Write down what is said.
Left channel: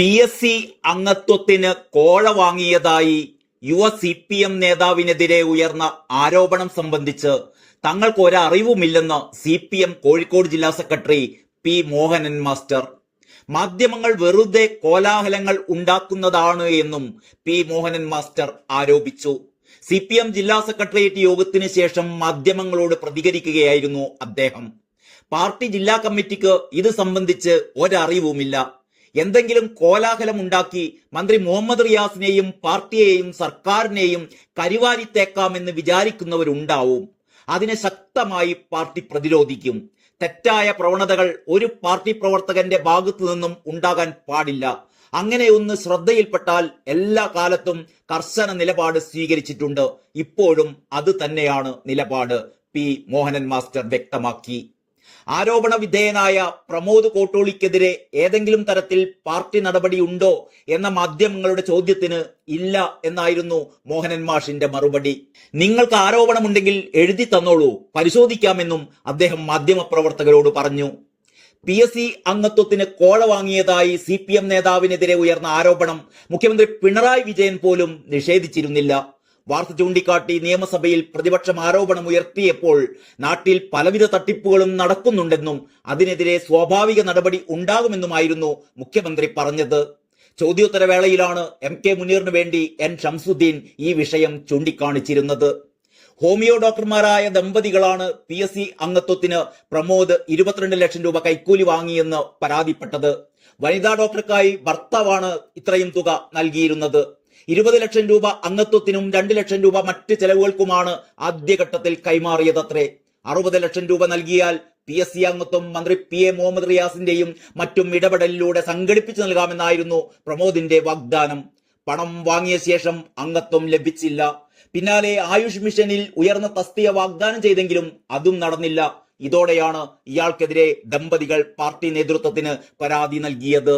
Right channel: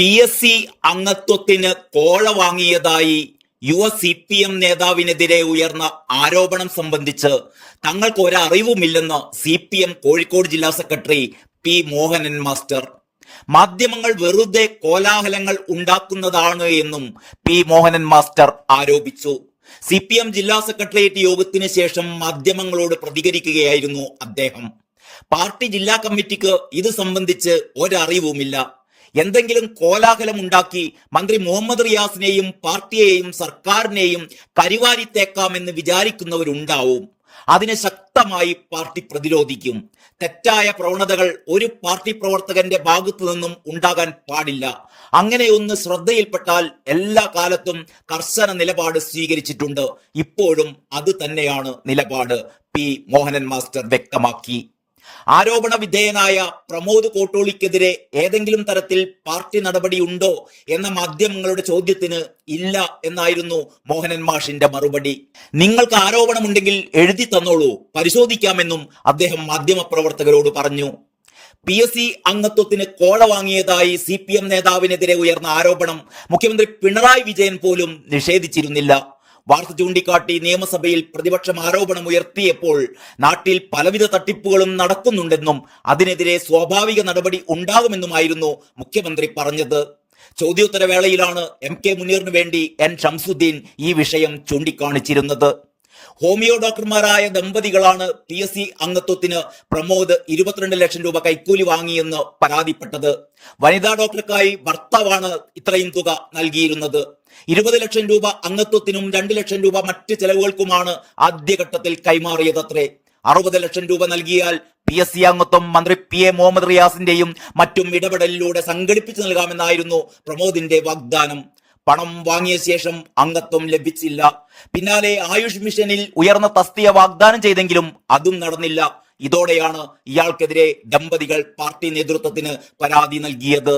PSC അംഗത്വത്തിന് കോഴ വാങ്ങിയതായി യുവ CPM നേതാവിനെതിരെ ഉയർന്ന ആരോപണം സംബന്ധിച്ച് തങ്ങൾക്ക് ഒരറിവുമില്ലെന്ന് CPM കോഴിക്കോട് ജില്ലാ സെക്രട്ടറി പി മോഹനൻ മാസ്റ്റർ. മാധ്യമങ്ങൾ വെറുതെ കോലാഹലങ്ങൾ ഉണ്ടാക്കുന്നതാണ് എന്നും പി മോഹനൻ മാസ്റ്റർ ആരോപിച്ചു. CPM ജില്ലാ സെക്രട്ടേറിയറ്റ് യോഗത്തിന് ശേഷം മാധ്യമങ്ങളോട് പ്രതികരിക്കുകയായിരുന്നു അദ്ദേഹം. പാർട്ടി ജില്ലാ കമ്മിറ്റിക്ക് ഇത് സംബന്ധിച്ച് ഒരറിവുമില്ല. എന്തെങ്കിലും കോലാഹലം ഉണ്ടാക്കി മന്ത്രി മുഹമ്മദ് റിയാസിനെയും പാർട്ടിയെയും സർക്കാരിനെയും കരിവാരിത്തേക്കാമെന്ന് വിചാരിക്കുന്നവരുണ്ടാവും. അതിനെ ശക്തമായി പാർട്ടി പ്രതിരോധിക്കും. തെറ്റായ പ്രവണതകൾ ഒരു പാർട്ടി പ്രവർത്തകന്റെ ഭാഗത്തു നിന്നും ഉണ്ടാകാൻ പാടില്ല. അങ്ങനെയൊന്ന് ശ്രദ്ധയിൽപ്പെട്ടാൽ എല്ലാ കാലത്തും കർശന നിലപാട് സ്വീകരിച്ചിട്ടുണ്ട്. ഇപ്പോഴും അത് തന്നെയാണ് നിലപാട്, പി മോഹനൻ മാസ്റ്റർ വ്യക്തമാക്കി. ആരോപണ വിധേയനായ പ്രമോദ് കോട്ടോളിക്കെതിരെ ഏതെങ്കിലും തരത്തിൽ പാർട്ടി നടപടിയുണ്ടോ എന്ന മാധ്യമങ്ങളുടെ ചോദ്യത്തിന് ഇല്ല എന്നായിരുന്നു മോഹനൻ മാഷിന്റെ മറുപടി. നിങ്ങൾക്ക് ആരോപണമുണ്ടെങ്കിൽ എഴുതി തന്നോളൂ, പരിശോധിക്കാമെന്നും അദ്ദേഹം മാധ്യമപ്രവർത്തകരോട് പറഞ്ഞു. PSC അംഗത്വത്തിന് കോഴ വാങ്ങിയതായി CPM നേതാവിനെതിരെ ഉയർന്ന ആരോപണം മുഖ്യമന്ത്രി പിണറായി വിജയൻ പോലും നിഷേധിച്ചിരുന്നില്ല. വാർത്ത ചൂണ്ടിക്കാട്ടി നിയമസഭയിൽ പ്രതിപക്ഷം ആരോപണം ഉയർത്തിയപ്പോൾ നാട്ടിൽ പലവിധ തട്ടിപ്പുകളും നടക്കുന്നുണ്ടെന്നും അതിനെതിരെ സ്വാഭാവിക നടപടി ഉണ്ടാകുമെന്നുമായിരുന്നു മുഖ്യമന്ത്രി പറഞ്ഞത്. ചോദ്യോത്തരവേളയിലാണ് MK മുനീറിന് വേണ്ടി N ഷംസുദ്ദീൻ ഈ വിഷയം ചൂണ്ടിക്കാണിച്ചിരുന്നത്. ഹോമിയോ ഡോക്ടർമാരായ ദമ്പതികളാണ് PSC അംഗത്വത്തിന് പ്രമോദ് 22 ലക്ഷം രൂപ കൈക്കൂലി വാങ്ങിയെന്ന് പരാതിപ്പെട്ടത്. വനിതാ ഡോക്ടർക്കായി ഭർത്താവാണ് ഇത്രയും തുക നൽകിയിരുന്നത്. 20 ലക്ഷം രൂപ അംഗത്വത്തിനും 2 ലക്ഷം രൂപ മറ്റ് ചെലവുകൾക്കുമാണ് ആദ്യഘട്ടത്തിൽ കൈമാറിയതത്രേ. 60 ലക്ഷം രൂപ നൽകിയാൽ PSC അംഗത്വം മന്ത്രി PA മുഹമ്മദ് റിയാസിന്റെയും മറ്റും ഇടപെടലിലൂടെ സംഘടിപ്പിച്ചു നൽകാമെന്നായിരുന്നു പ്രമോദിന്റെ വാഗ്ദാനം. പണം വാങ്ങിയ ശേഷം അംഗത്വം ലഭിച്ചില്ല. പിന്നാലെ ആയുഷ് മിഷനിൽ ഉയർന്ന തസ്തിക വാഗ്ദാനം ചെയ്തെങ്കിലും അതും നടന്നില്ല. ഇതോടെയാണ് ഇയാൾക്കെതിരെ ദമ്പതികൾ പാർട്ടി നേതൃത്വത്തിന് പരാതി നൽകിയത്.